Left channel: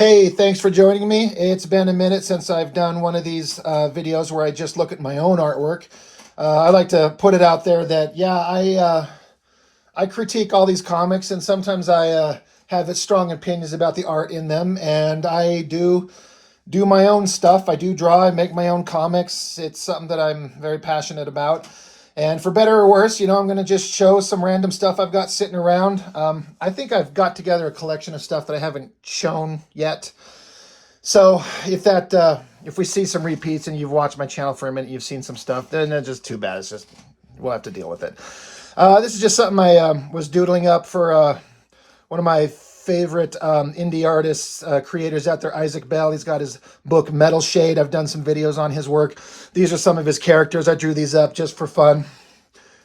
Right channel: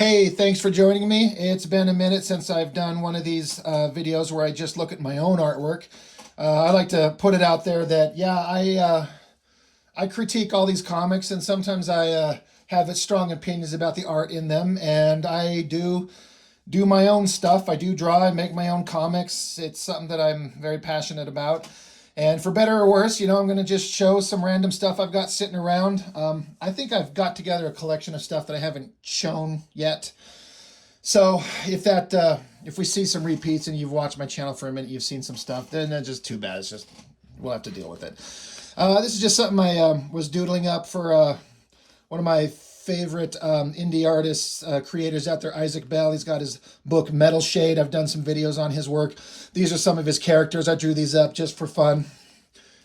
Hey, thanks for joining me. It's been a minute since I've done one of these videos where I just look at my own artwork. I like to put it out there that, yeah, I critique all these comics, and sometimes I have strong opinions about the art in them, and I do my own stuff. I do draw and make my own comics. It's something that I'm very passionate about. And for better or worse, I'm going to just show some random stuff I've got sitting around. I think I've got together a collection of stuff that I haven't shown yet. So if we see some repeats and you've watched my channel for a minute, you've seen some stuff, then that's just too bad. It's just, we'll have to deal with it. This is just something I was doodling up for one of my favorite indie artists, creators out there, Isaac Bell. He's got his book Metal Shade. I've done some videos on his work. These are some of his characters. I drew these up just for fun.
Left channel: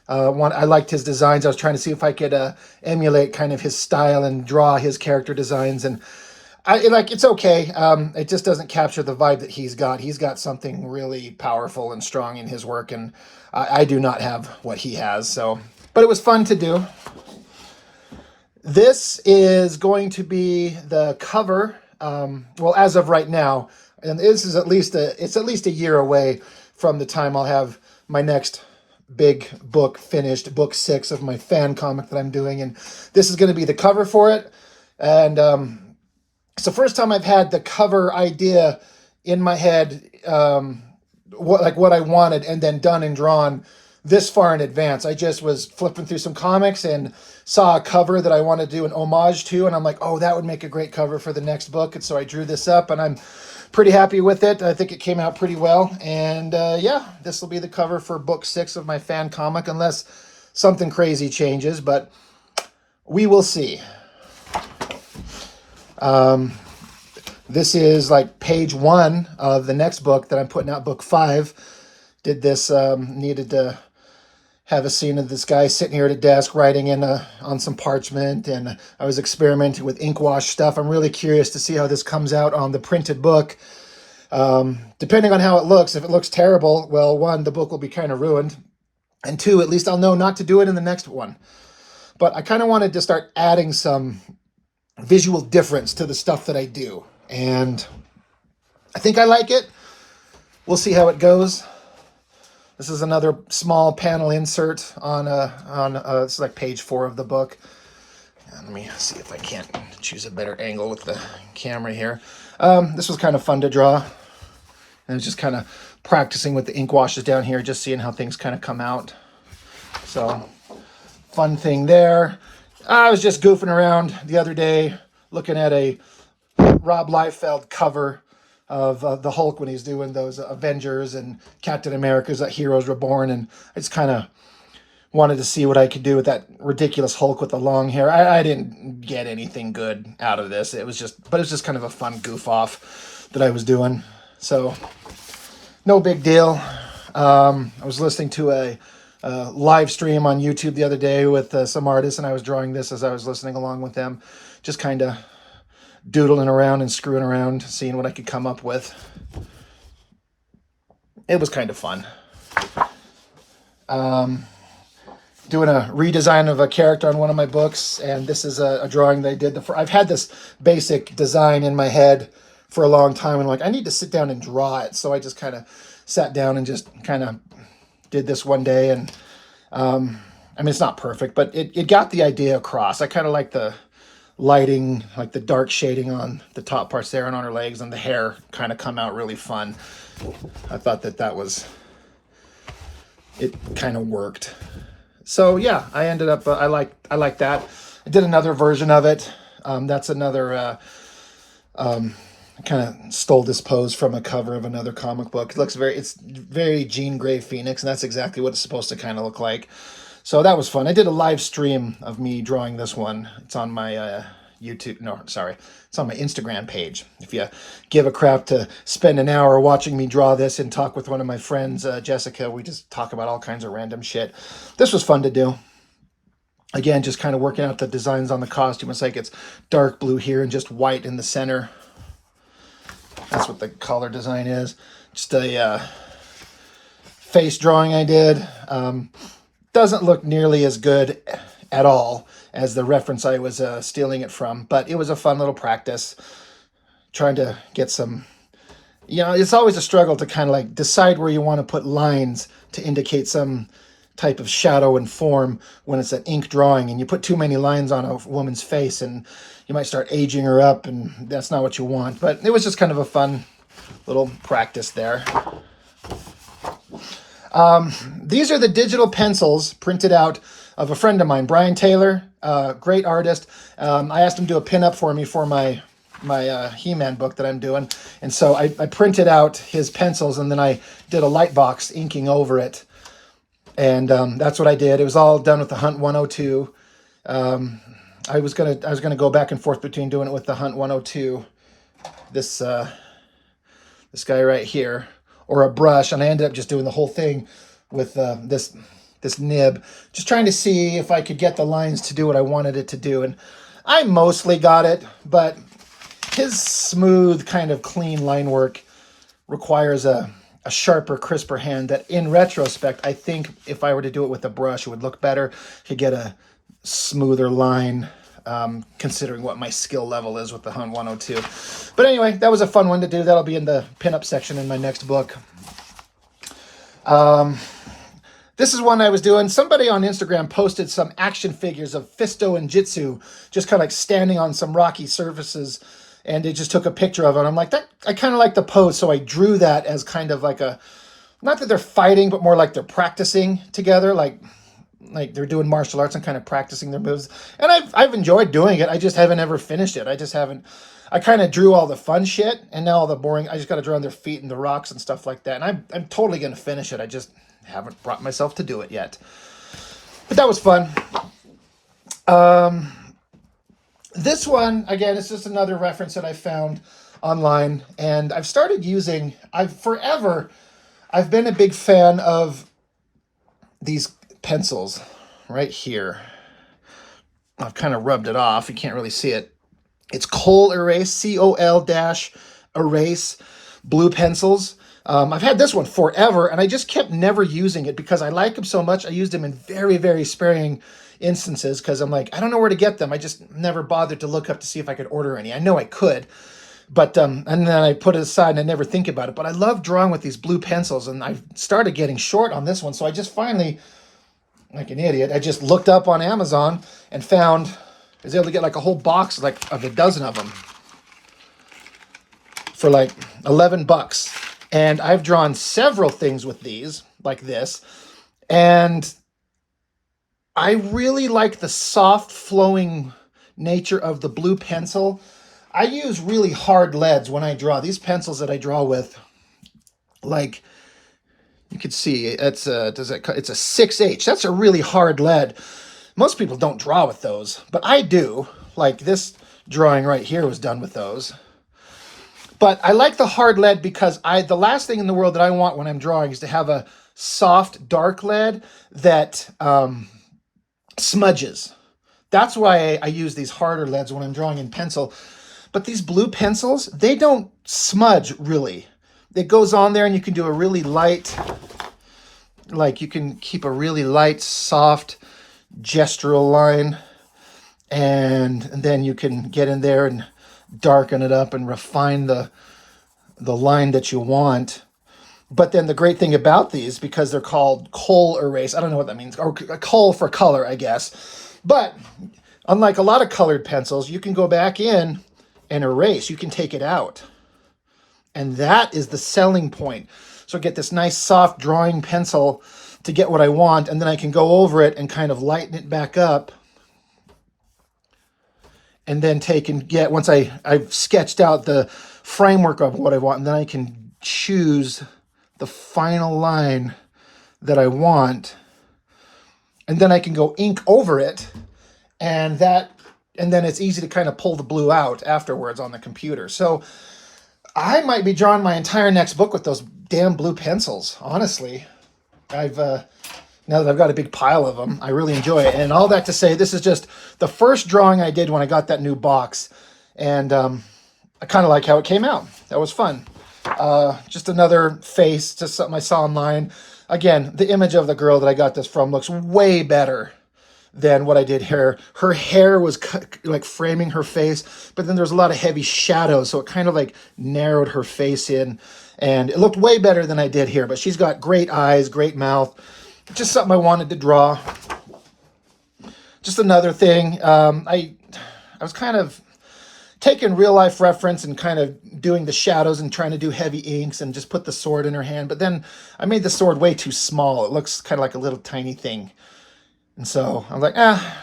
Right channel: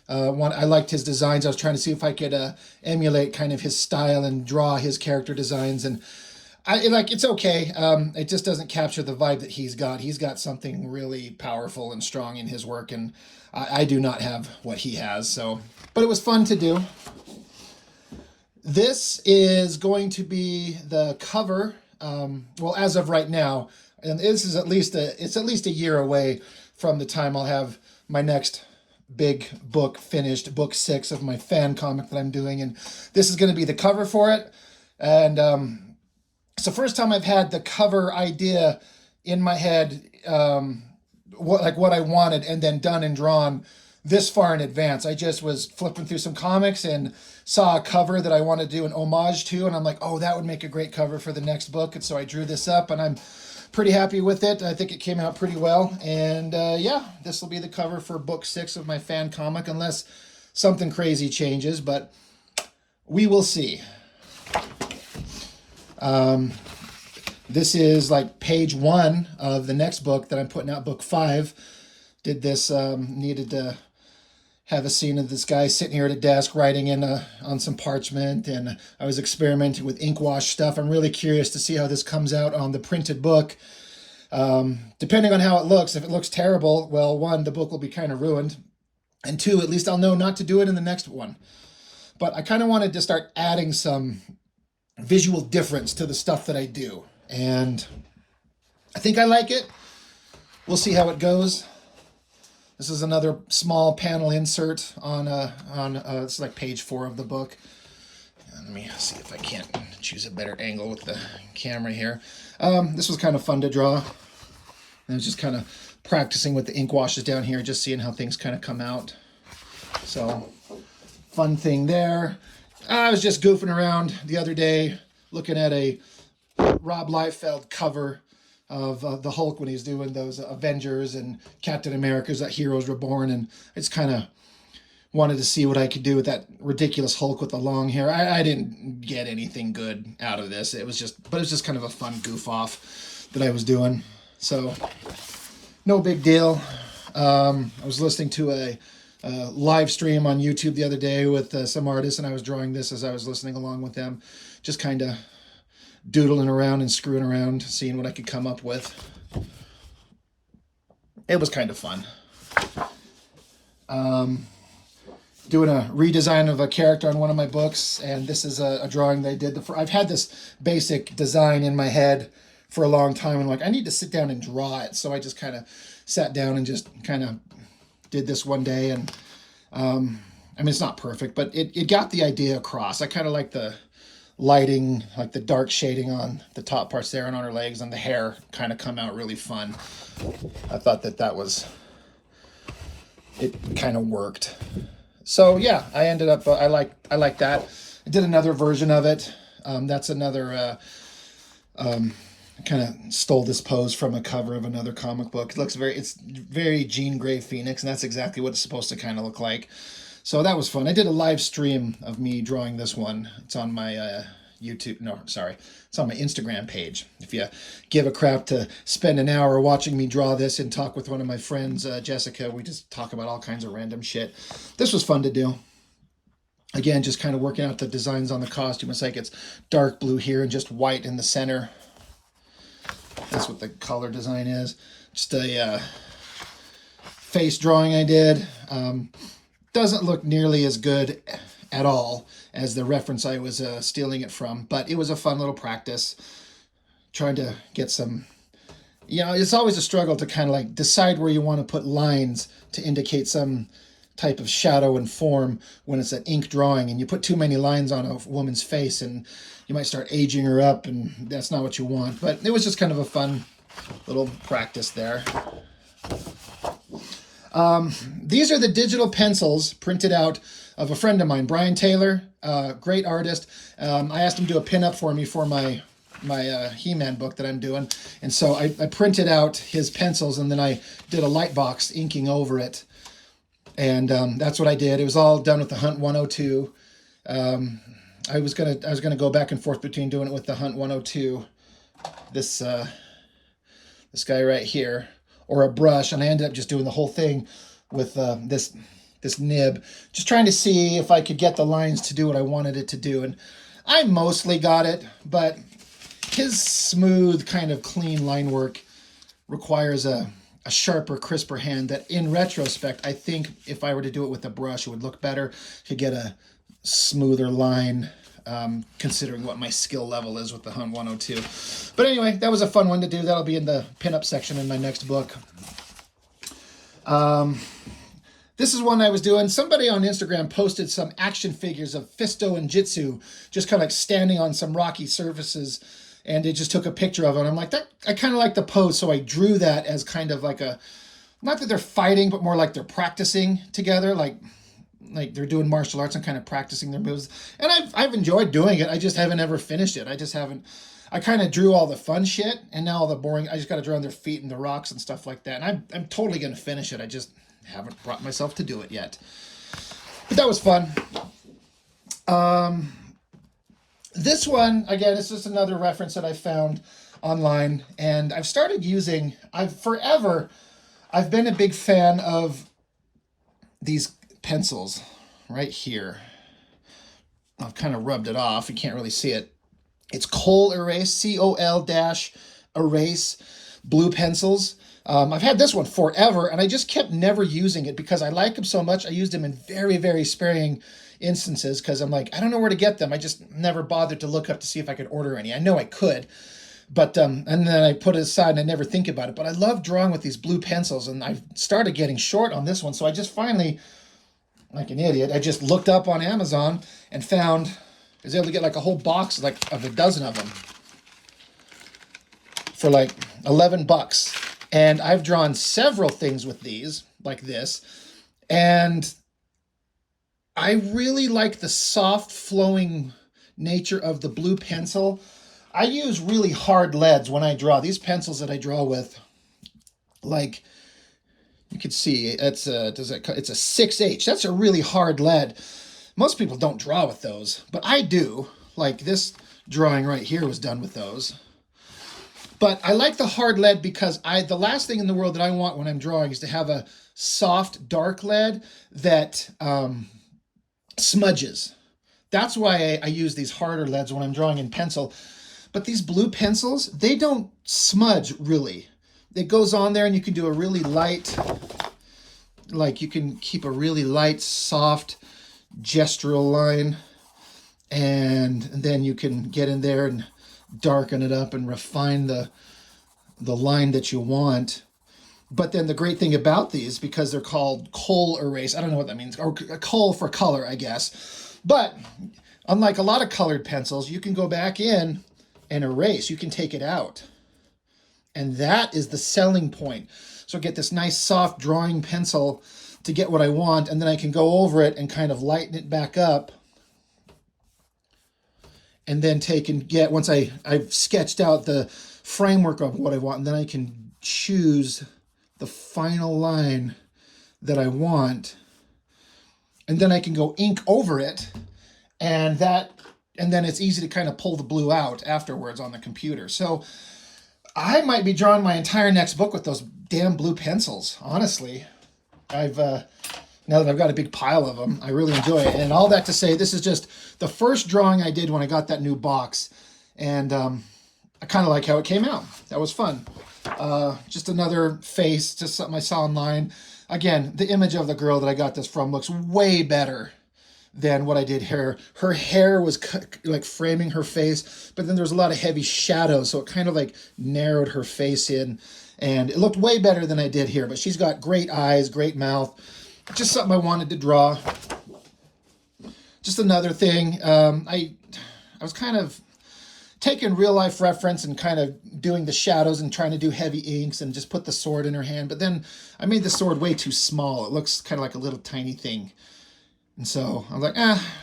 I liked his designs. I was trying to see if I could emulate kind of his style and draw his character designs. And it's okay. It just doesn't capture the vibe that he's got. He's got something really powerful and strong in his work, and I do not have what he has. So, but it was fun to do. This is going to be the cover. Well, as of right now, and this is it's at least a year away from the time I'll have my next big book finished, book 6 of my fan comic that I'm doing, and this is going to be the cover for it. And it's the first time I've had the cover idea in my head, what I wanted, and then done and drawn this far in advance. I just was flipping through some comics and saw a cover that I wanted to do an homage to, and I'm like, oh, that would make a great cover for the next book. And so I drew this up, and I'm pretty happy with it. I think it came out pretty well. And yeah, this will be the cover for book 6 of my fan comic, unless something crazy changes, but we will see. This is like page 1 of the next book that I'm putting out, book 5. Did this, needed to have a scene of this guy sitting here at a desk writing on some parchment, and I was experimenting with ink wash stuff. I'm really curious to see how this comes out on the printed book. Depending on how it looks, if it looks terrible, well, 1, the book will be kind of ruined, and 2, at least I'll know not to do it in the next one. But I kind of wanted to start adding some visual difference to the stuff that I do, and I think I like it. We'll see how it goes. This is another small panel insert on it's like page 4 of the book. And let me see if I can't choose a better angle with the camera here. This was kind of fun to draw. And it's just kind of practicing with the ink washes down here, just seeing how things kind of come out. So, fun thing there. I was just goofing around the other day, looking at a Rob Liefeld cover of the Hulk when he's doing those Avengers and Captain America's that Heroes Reborn, and I just kind of wanted to see what I could do with that ridiculous Hulk with the long hair. I didn't get anything good out of this. It was just kind of a fun goof off that I was doing. So no big deal. I was listening to a live stream on YouTube the other day with some artists, and I was drawing this as I was listening along with them, just kind of doodling around and screwing around, seeing what I could come up with. It was kind of fun. Doing a redesign of a character on one of my books, and this is a drawing they did. I've had this basic design in my head for a long time, and I need to sit down and draw it. So I just kind of sat down and just kind of did this one day, and I mean, it's not perfect, but it got the idea across. I kind of like the lighting, like the dark shading on the top parts there and on her legs, and the hair kind of come out really fun. I thought that was, it kind of worked. So yeah, I ended up, I like that. I did another version of it. That's another, kind of stole this pose from a cover of another comic book. It's very Jean Grey Phoenix, and that's exactly what it's supposed to kind of look like. So that was fun. I did a live stream of me drawing this one. It's on my it's on my Instagram page. If you give a crap to spend an hour watching me draw this and talk with one of my friends, Jessica, we just talk about all kinds of random shit. This was fun to do. Again, just kind of working out the designs on the costume. It's like it's dark blue here and just white in the center. That's what the collar design is. Just a face drawing I did. Doesn't look nearly as good at all as the reference I was stealing it from, but it was a fun little practice. trying to get some, it's always a struggle to kind of like decide where you want to put lines to indicate some type of shadow and form when it's an ink drawing, and you put too many lines on a woman's face and you might start aging her up, and that's not what you want. But it was just kind of a fun little practice there. These are the digital pencils printed out of a friend of mine, Brian Taylor, great artist. I asked him to do a pinup for me for my He-Man book that I'm doing. And so I printed out his pencils, and then I did a light box inking over it. And that's what I did. It was all done with the Hunt 102. I was gonna go back and forth between doing it with the Hunt 102, this guy right here, or a brush, and I ended up just doing the whole thing with this nib, just trying to see if I could get the lines to do what I wanted it to do. And I mostly got it, but his smooth, kind of clean line work requires a sharper, crisper hand that, in retrospect, I think if I were to do it with a brush, it would look better. Could get a smoother line, considering what my skill level is with the Hunt 102. But anyway, that was a fun one to do. That'll be in the pinup section in my next book. This is one I was doing. Somebody on Instagram posted some action figures of Fisto and Jitsu, just kind of like standing on some rocky surfaces, and they just took a picture of it. I'm like, I kind of like the pose, so I drew that as kind of like not that they're fighting, but more like they're practicing together, like they're doing martial arts and kind of practicing their moves. And I've enjoyed doing it. I just haven't ever finished it. I kind of drew all the fun shit, and now all the boring, I just got to draw on their feet and the rocks and stuff like that. And I'm totally going to finish it. I just haven't brought myself to do it yet. But that was fun. This one, again, it's just another reference that I found online, and I've started using, I've been a big fan of these pencils right here. I've kind of rubbed it off. You can't really see it. It's Col Erase, COL-Erase blue pencils. I've had this one forever, and I just kept never using it because I like them so much. I used them in very, very sparing instances because I'm like, I don't know where to get them. I just never bothered to look up to see if I could order any. I know I could, but and then I put it aside and I never think about it. But I love drawing with these blue pencils, and I started getting short on this one, so I just finally, like an idiot, I just looked up on Amazon and found, I was able to get like a whole box of a dozen of them for like $11. And I've drawn several things with these, like this, and I really like the soft flowing nature of the blue pencil. I use really hard leads when I draw. These pencils that I draw with, like you can see, it's a 6H. That's a really hard lead. Most people don't draw with those, but I do. Like this drawing right here was done with those. But I like the hard lead because the last thing in the world that I want when I'm drawing is to have a soft, dark lead that smudges. That's why I use these harder leads when I'm drawing in pencil. But these blue pencils, they don't smudge really. It goes on there and you can do a really light, like you can keep a really light, soft gestural line. And then you can get in there and darken it up and refine the line that you want. But then the great thing about these, because they're called Col Erase, I don't know what that means, or Col for color, I guess. But unlike a lot of colored pencils, you can go back in and erase. You can take it out. And that is the selling point. So I get this nice soft drawing pencil to get what I want, and then I can go over it and kind of lighten it back up. And then take and get, once I've sketched out the framework of what I want, and then I can choose the final line that I want. And then I can go ink over it, and then it's easy to kind of pull the blue out afterwards on the computer. So I might be drawing my entire next book with those damn blue pencils, honestly. Now that I've got a big pile of them, I really enjoy it. And all that to say, this is just the first drawing I did when I got that new box. And I kind of like how it came out. That was fun. Just another face, just something I saw online. Again, the image of the girl that I got this from looks way better than what I did here. Her hair was like framing her face, but then there's a lot of heavy shadows, so it kind of like narrowed her face in, and it looked way better than I did here. But she's got great eyes, great mouth, just something I wanted to draw. Just another thing, I was kind of taking real life reference and kind of doing the shadows and trying to do heavy inks and just put the sword in her hand. But then I made the sword way too small. It looks kind of like a little tiny thing. And so I was like,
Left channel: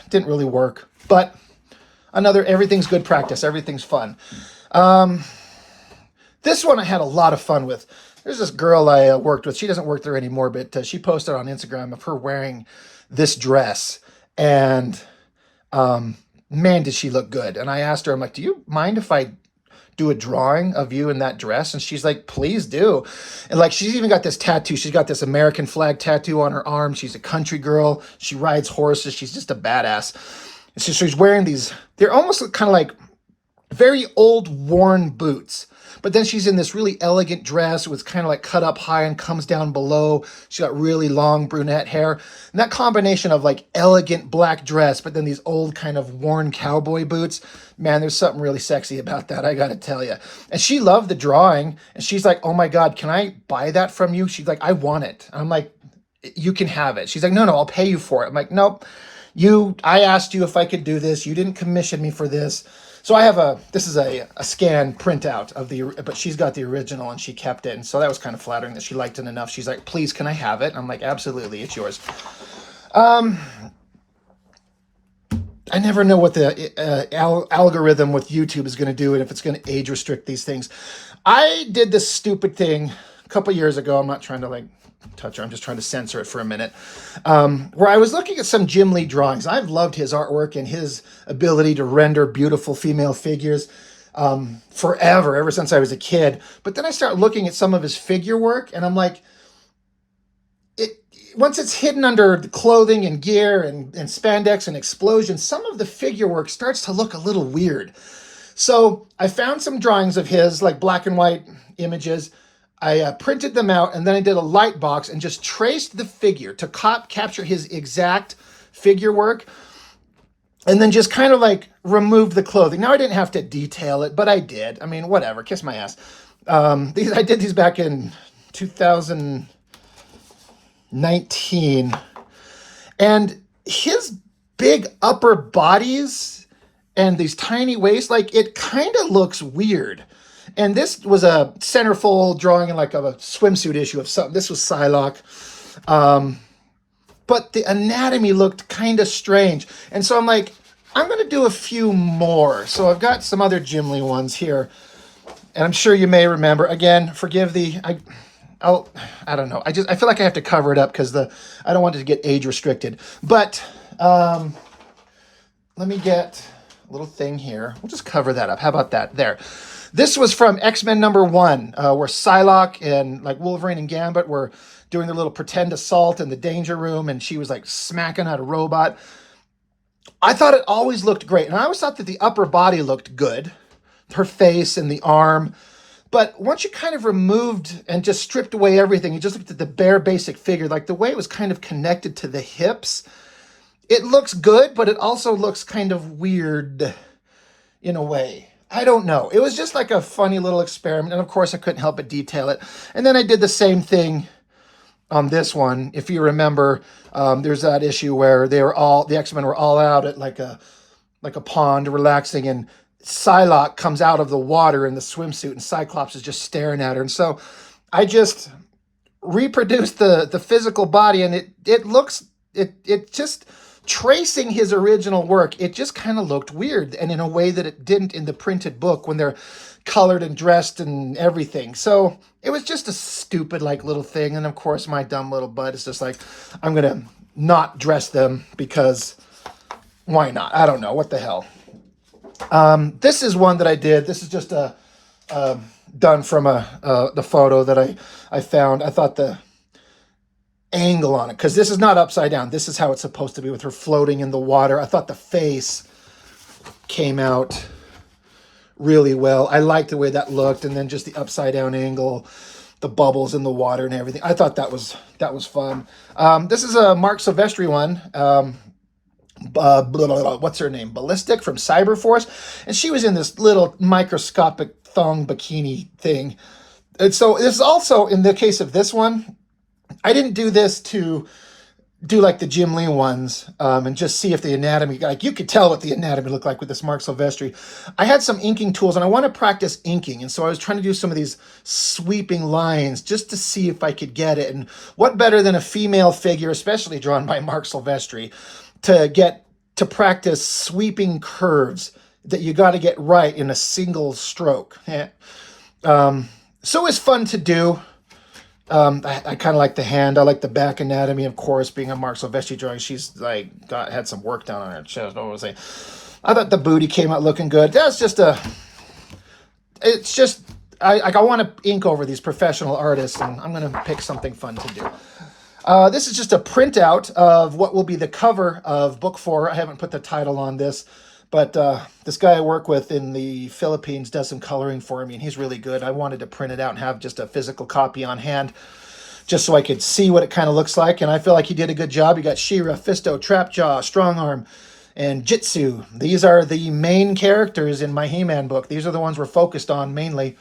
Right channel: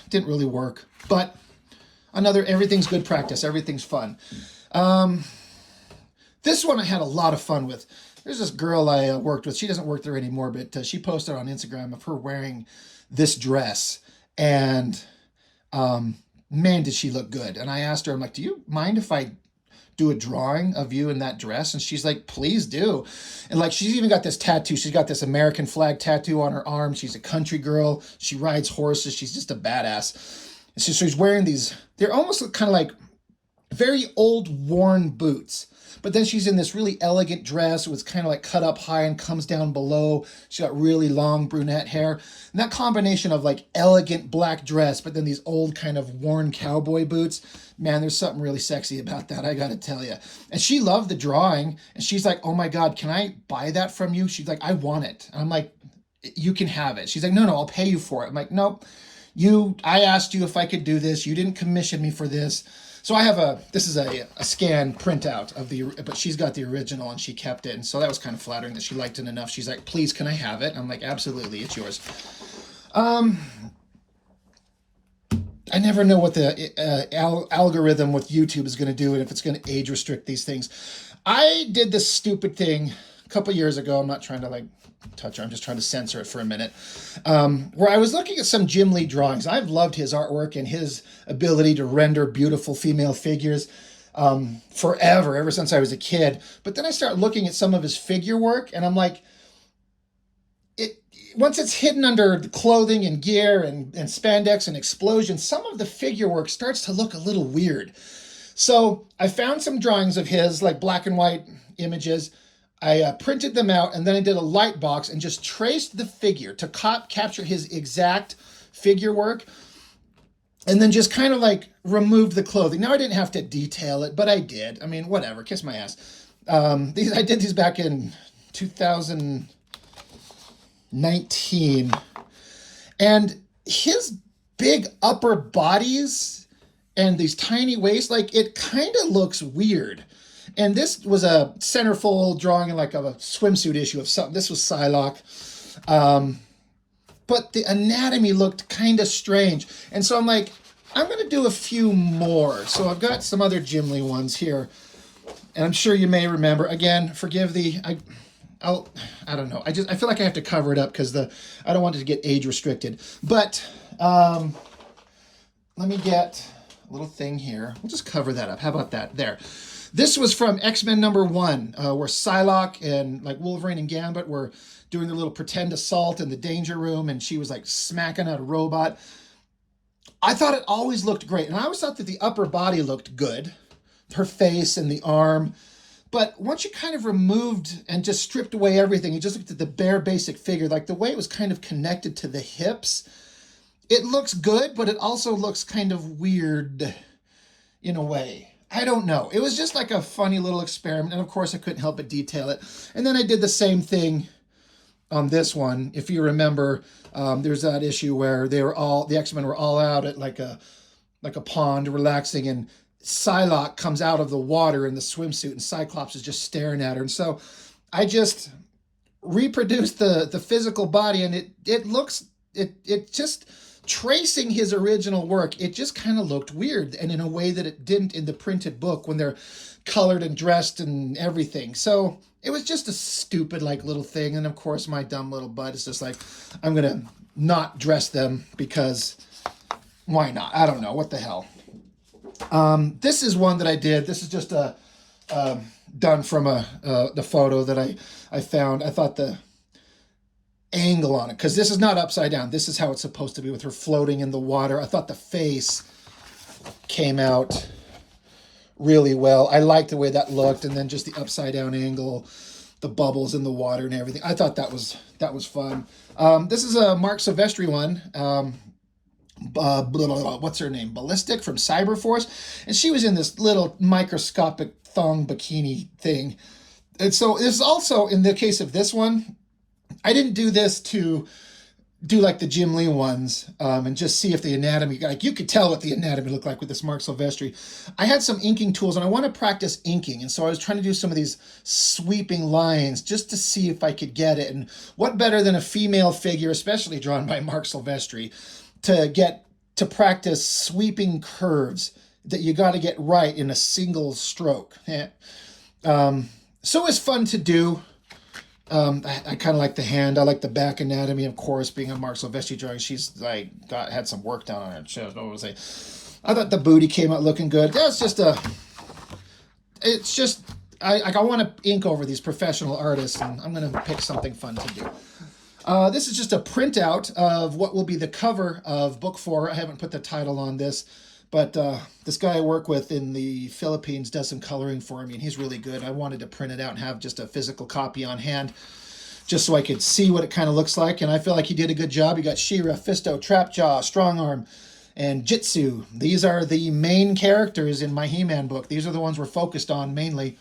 didn't really work. But everything's good practice. Everything's fun. This one I had a lot of fun with. There's this girl I worked with. She doesn't work there anymore, but she posted on Instagram of her wearing this dress. And man, did she look good. And I asked her, I'm like, do you mind if I do a drawing of you in that dress? And she's like, please do. And like, she's even got this tattoo. She's got this American flag tattoo on her arm. She's a country girl. She rides horses. She's just a badass. And so she's wearing these, they're almost kind of like very old worn boots. But then she's in this really elegant dress with kind of like cut up high and comes down below. She's got really long brunette hair. And that combination of like elegant black dress, but then these old kind of worn cowboy boots, man, there's something really sexy about that, I gotta tell you. And she loved the drawing. And she's like, oh my God, can I buy that from you? She's like, I want it. And I'm like, you can have it. She's like, no, I'll pay you for it. I'm like, nope. I asked you if I could do this. You didn't commission me for this. So I have this is a scan printout of but she's got the original and she kept it. And so that was kind of flattering that she liked it enough. She's like, please, can I have it? I'm like, absolutely, it's yours. I never know what the algorithm with YouTube is going to do and if it's going to age restrict these things. I did this stupid thing a couple years ago. I'm not trying to like touch her. I'm just trying to censor it for a minute. Where I was looking at some Jim Lee drawings. I've loved his artwork and his ability to render beautiful female figures forever, ever since I was a kid. But then I started looking at some of his figure work and I'm like, once it's hidden under clothing and gear and spandex and explosions, some of the figure work starts to look a little weird. So I found some drawings of his, like black and white images. I printed them out and then I did a light box and just traced the figure to capture his exact figure work. And then just kind of like removed the clothing. Now I didn't have to detail it, but I did. I mean, whatever, kiss my ass. I did these back in 2019. And his big upper bodies and these tiny waists, like it kind of looks weird. And this was a centerfold drawing in like a swimsuit issue of something. This was Psylocke. But the anatomy looked kind of strange. And so I'm like, I'm going to do a few more. So I've got some other Jim Lee ones here. And I'm sure you may remember. Again, forgive I don't know. I feel like I have to cover it up because I don't want it to get age restricted. But let me get a little thing here. We'll just cover that up. How about that? There. This was from X-Men #1, where Psylocke and like Wolverine and Gambit were doing their little pretend assault in the danger room, and she was like smacking at a robot. I thought it always looked great, and I always thought that the upper body looked good, her face and the arm. But once you kind of removed and just stripped away everything, you just looked at the bare basic figure, like the way it was kind of connected to the hips, it looks good, but it also looks kind of weird in a way. I don't know. It was just like a funny little experiment. And of course I couldn't help but detail it. And then I did the same thing on this one. If you remember, there's that issue where the X-Men were all out at like a pond relaxing, and Psylocke comes out of the water in the swimsuit and Cyclops is just staring at her. And so I just reproduced the physical body, and it just tracing his original work, it just kind of looked weird, and in a way that it didn't in the printed book when they're colored and dressed and everything. So it was just a stupid like little thing. And of course my dumb little butt is just like, I'm gonna not dress them because why not? I don't know, what the hell. This is one that I did. This is just done from the photo that I found. I thought the angle on it, because this is not upside down. This is how it's supposed to be with her floating in the water. I thought the face came out really well. I liked the way that looked, and then just the upside down angle, the bubbles in the water and everything. I thought that was fun. This is a Mark Silvestri one. what's her name? Ballistic from Cyberforce. And she was in this little microscopic thong bikini thing. And so this also, in the case of this one, I didn't do this to do like the Jim Lee ones and just see if the anatomy, like you could tell what the anatomy looked like with this Mark Silvestri. I had some inking tools and I want to practice inking. And so I was trying to do some of these sweeping lines just to see if I could get it. And what better than a female figure, especially drawn by Mark Silvestri, to get to practice sweeping curves that you got to get right in a single stroke. Yeah. So it was fun to do. I kind of like the hand. I like the back anatomy, of course, being a Mark Silvestri drawing. She's like had some work done on her chest. What was I? I thought the booty came out looking good. That's just it's just I want to ink over these professional artists, and I'm gonna pick something fun to do. This is just a printout of what will be the cover of book 4. I haven't put the title on this, but this guy I work with in the Philippines does some coloring for me, and he's really good. I wanted to print it out and have just a physical copy on hand, just so I could see what it kind of looks like, and I feel like he did a good job. You got She-Ra, Fisto, Trapjaw, Strongarm, and Jitsu. These are the main characters in my He-Man book. These are the ones we're focused on mainly.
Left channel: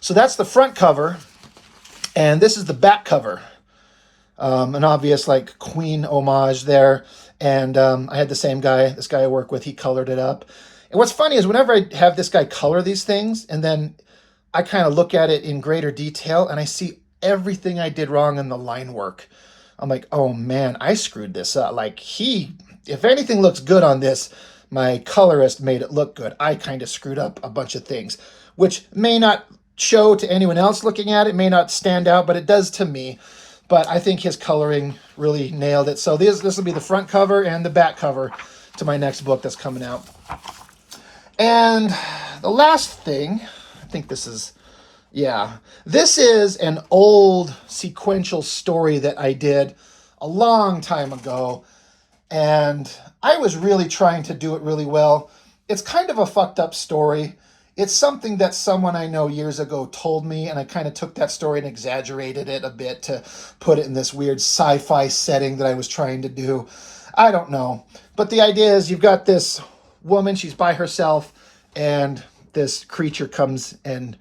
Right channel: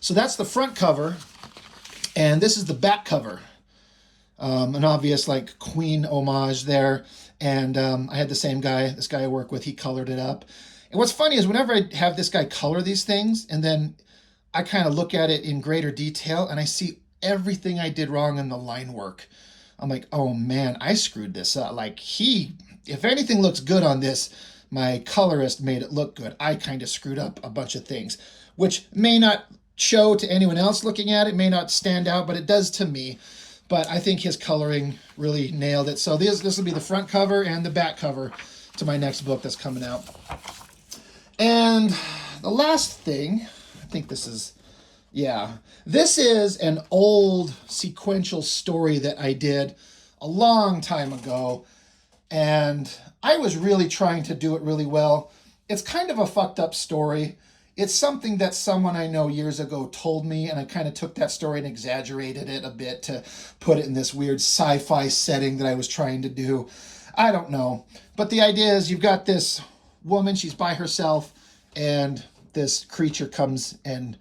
So that's the front cover, and this is the back cover. An obvious like Queen homage there. And I had the same guy, this guy I work with, he colored it up. And what's funny is whenever I have this guy color these things, and then I kind of look at it in greater detail, and I see everything I did wrong in the line work. I'm like, oh man, I screwed this up. Like if anything looks good on this, my colorist made it look good. I kind of screwed up a bunch of things, which may not show to anyone else looking at it, may not stand out, but it does to me. But I think his coloring really nailed it. So this will be the front cover and the back cover to my next book that's coming out. And the last thing, I think this is an old sequential story that I did a long time ago. And I was really trying to do it really well. It's kind of a fucked up story. It's something that someone I know years ago told me, and I kind of took that story and exaggerated it a bit to put it in this weird sci-fi setting that I was trying to do. I don't know. But the idea is you've got this woman, she's by herself, and this creature comes into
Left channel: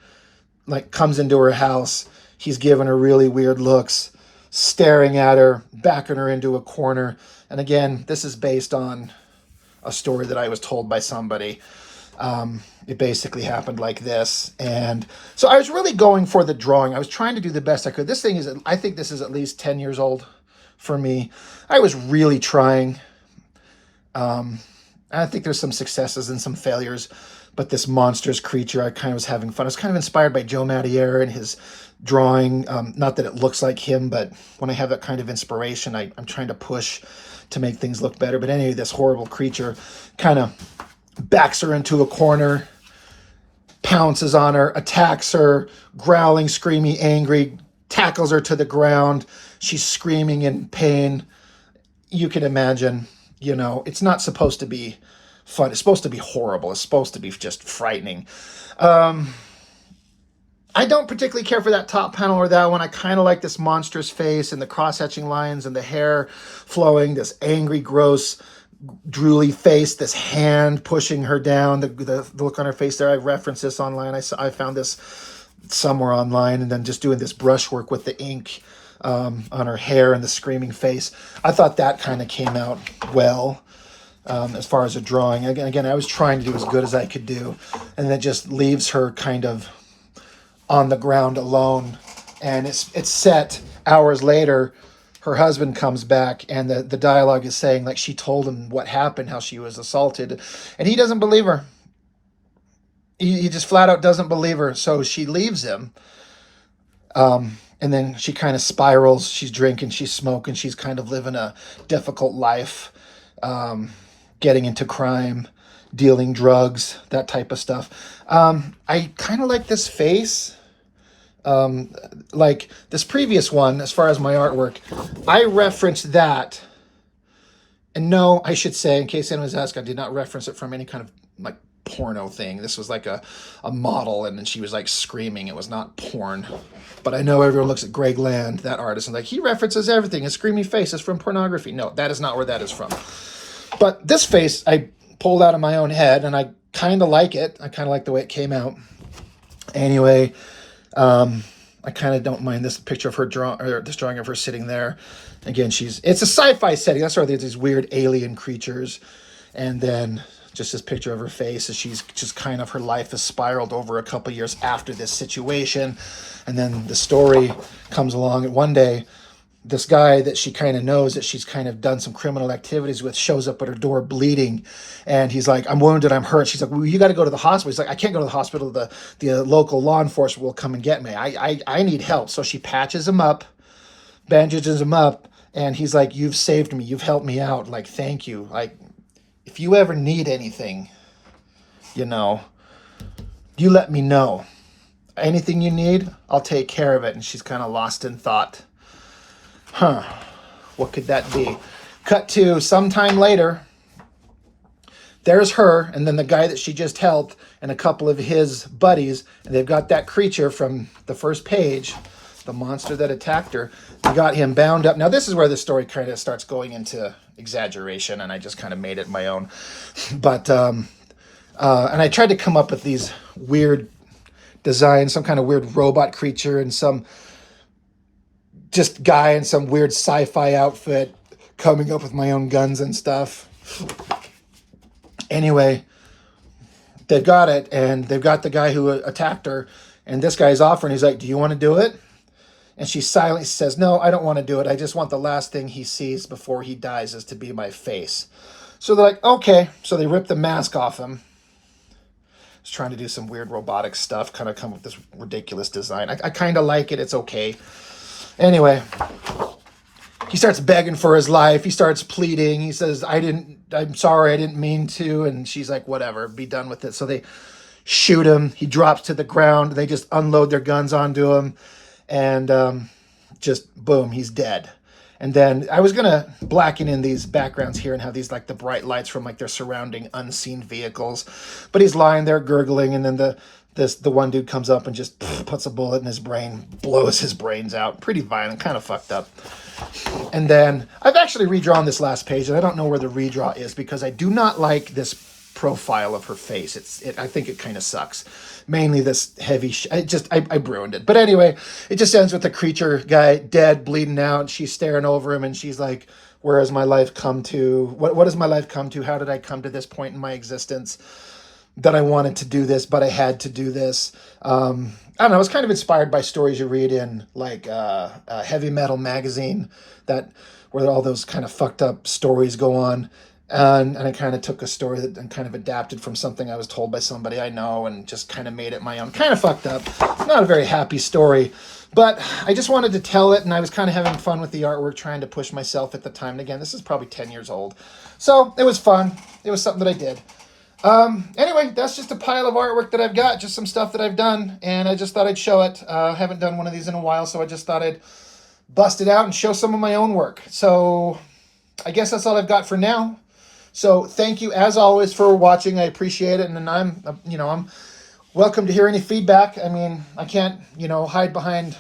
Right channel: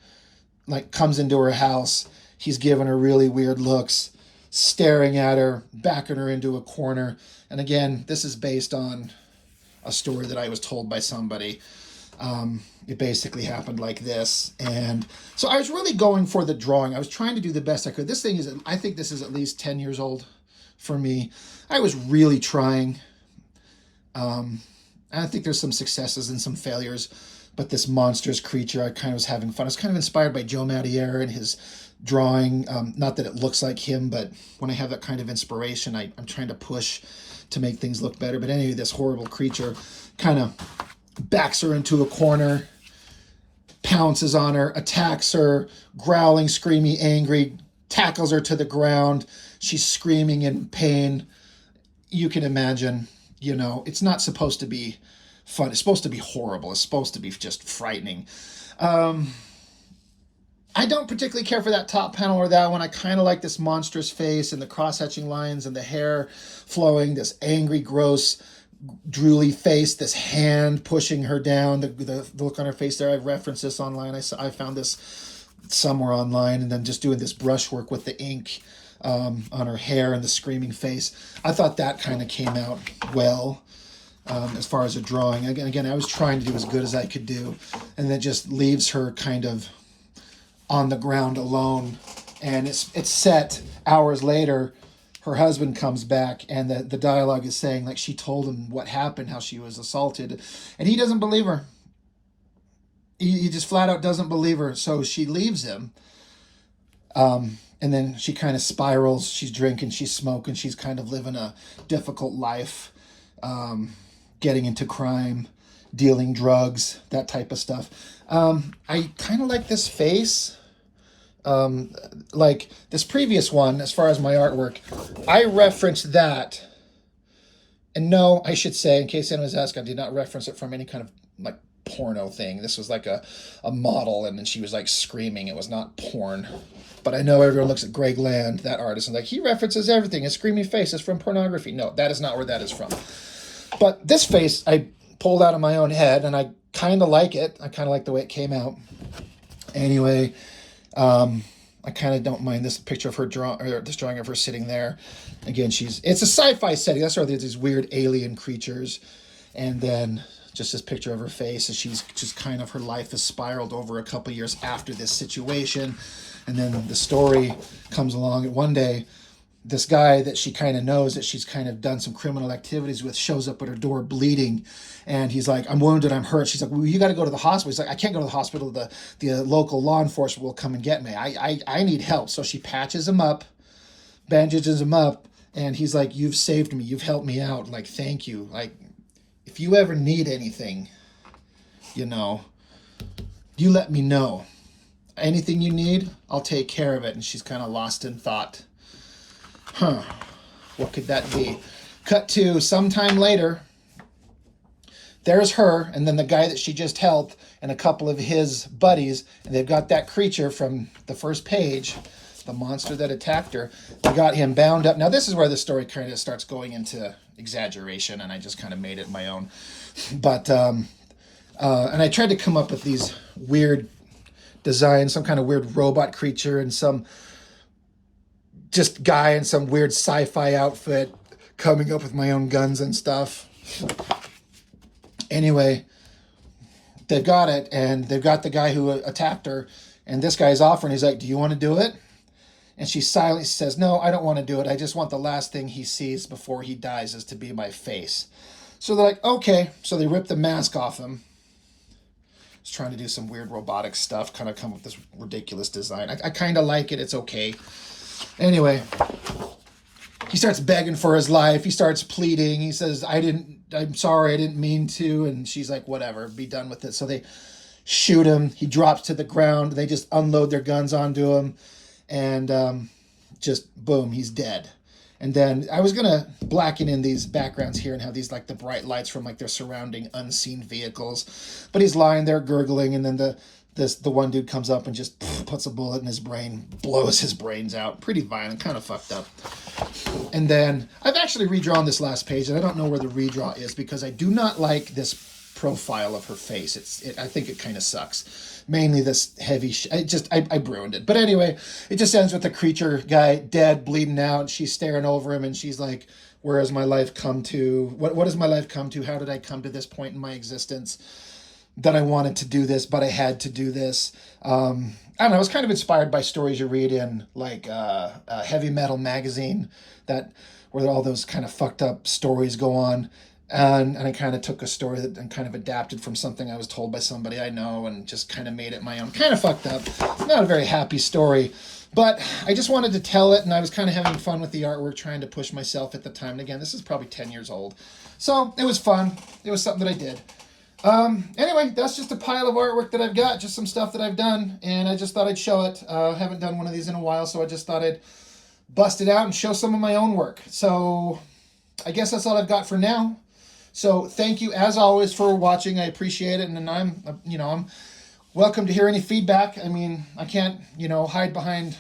her house. He's giving her really weird looks, staring at her, backing her into a corner. And again, this is based on a story that I was told by somebody. It basically happened like this. And so I was really going for the drawing. I was trying to do the best I could. I think this is at least 10 years old for me. I was really trying. I think there's some successes and some failures, but this monstrous creature, I kind of was having fun. I was kind of inspired by Joe Mattier and his drawing. Not that it looks like him, but when I have that kind of inspiration, I'm trying to push to make things look better. But anyway, this horrible creature kind of backs her into a corner, pounces on her, attacks her, growling, screaming, angry, tackles her to the ground. She's screaming in pain. You can imagine, it's not supposed to be fun. It's supposed to be horrible. It's supposed to be just frightening. I don't particularly care for that top panel or that one. I kind of like this monstrous face and the cross-hatching lines and the hair flowing, this angry, gross, drooly face, this hand pushing her down, the look on her face there. I referenced this online. I found this somewhere online, and then just doing this brushwork with the ink on her hair and the screaming face. I thought that kind of came out well as far as a drawing. Again, I was trying to do as good as I could do, and then just leaves her kind of on the ground alone. And it's set hours later. Her husband comes back, and the dialogue is saying, like, she told him what happened, how she was assaulted, and he doesn't believe her. He just flat out doesn't believe her. So she leaves him. And then she kind of spirals. She's drinking, she's smoking, she's kind of living a difficult life, getting into crime, dealing drugs, that type of stuff. I kind of like this face. Like this previous one, as far as my artwork, I referenced that. And no, I should say, in case anyone's asking, I did not reference it from any kind of like porno thing. This was like a model, and then she was like screaming. It was not porn. But I know everyone looks at Greg Land, that artist, and like, he references everything. His screamy face is from pornography. No, that is not where that is from. But this face I pulled out of my own head, and I kind of like it. I kind of like the way it came out. Anyway, I kind of don't mind this picture of her this drawing of her sitting there. Again, it's a sci-fi setting. That's why there's these weird alien creatures. And then just this picture of her face as she's just kind of, her life has spiraled over a couple years after this situation. And then the story comes along, and one day this guy that she kind of knows, that she's kind of done some criminal activities with, shows up at her door bleeding, and he's like, I'm wounded, I'm hurt. She's like, well, you got to go to the hospital. He's like, I can't go to the hospital. The local law enforcement will come and get me. I need help. So she patches him up, bandages him up, and he's like, you've saved me, you've helped me out, like, thank you. Like, if you ever need anything, you let me know. Anything you need, I'll take care of it. And she's kind of lost in thought. What could that be? Cut to sometime later. There's her, and then the guy that she just helped, and a couple of his buddies, and they've got that creature from the first page, the monster that attacked her. They got him bound up. Now, this is where the story kind of starts going into exaggeration, and I just kind of made it my own. But, and I tried to come up with these weird designs, some kind of weird robot creature, and some just guy in some weird sci-fi outfit, coming up with my own guns and stuff. Anyway, they've got it, and they've got the guy who attacked her, and this guy's offering. He's like, do you want to do it? And she silently says, no, I don't want to do it. I just want the last thing he sees before he dies is to be my face. So they're like, okay. So they rip the mask off him. He's trying to do some weird robotic stuff, kind of come up with this ridiculous design. I kind of like it. It's okay. Anyway, he starts begging for his life. He starts pleading. He says, I'm sorry, I didn't mean to. And she's like, whatever, be done with it. So they shoot him. He drops to the ground. They just unload their guns onto him. And just boom, he's dead. And then I was going to blacken in these backgrounds here and have these like the bright lights from like their surrounding unseen vehicles. But he's lying there gurgling, and then the one dude comes up and just puts a bullet in his brain, blows his brains out. Pretty violent, kind of fucked up. And then I've actually redrawn this last page, and I don't know where the redraw is because I do not like this profile of her face. I think it kind of sucks. Mainly this heavy, I ruined it. But anyway, it just ends with the creature guy dead, bleeding out. She's staring over him, and she's like, where has my life come to? What has my life come to? How did I come to this point in my existence that I wanted to do this, but I had to do this? I don't know. I was kind of inspired by stories you read in like a heavy metal magazine where all those kind of fucked up stories go on. And I kind of took a story that and kind of adapted from something I was told by somebody I know and just kind of made it my own. Kind of fucked up. Not a very happy story, but I just wanted to tell it, and I was kind of having fun with the artwork, trying to push myself at the time. And again, this is probably 10 years old. So it was fun. It was something that I did. Anyway, that's just a pile of artwork that I've got, just some stuff that I've done, and I just thought I'd show it. I haven't done one of these in a while, so I just thought I'd bust it out and show some of my own work. So I guess that's all I've got for now. So thank you, as always, for watching. I appreciate it, and I'm welcome to hear any feedback. I mean, I can't, hide behind,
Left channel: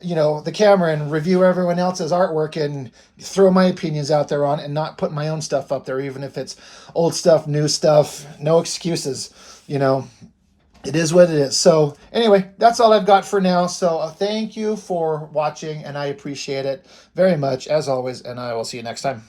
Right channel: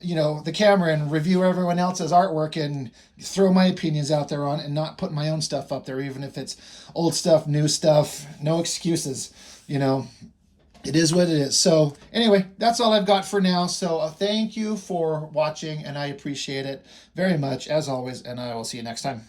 the camera and review everyone else's artwork and throw my opinions out there on it and not put my own stuff up there, even if it's old stuff, new stuff. No excuses, It is what it is. So anyway, that's all I've got for now. So thank you for watching, and I appreciate it very much, as always, and I will see you next time.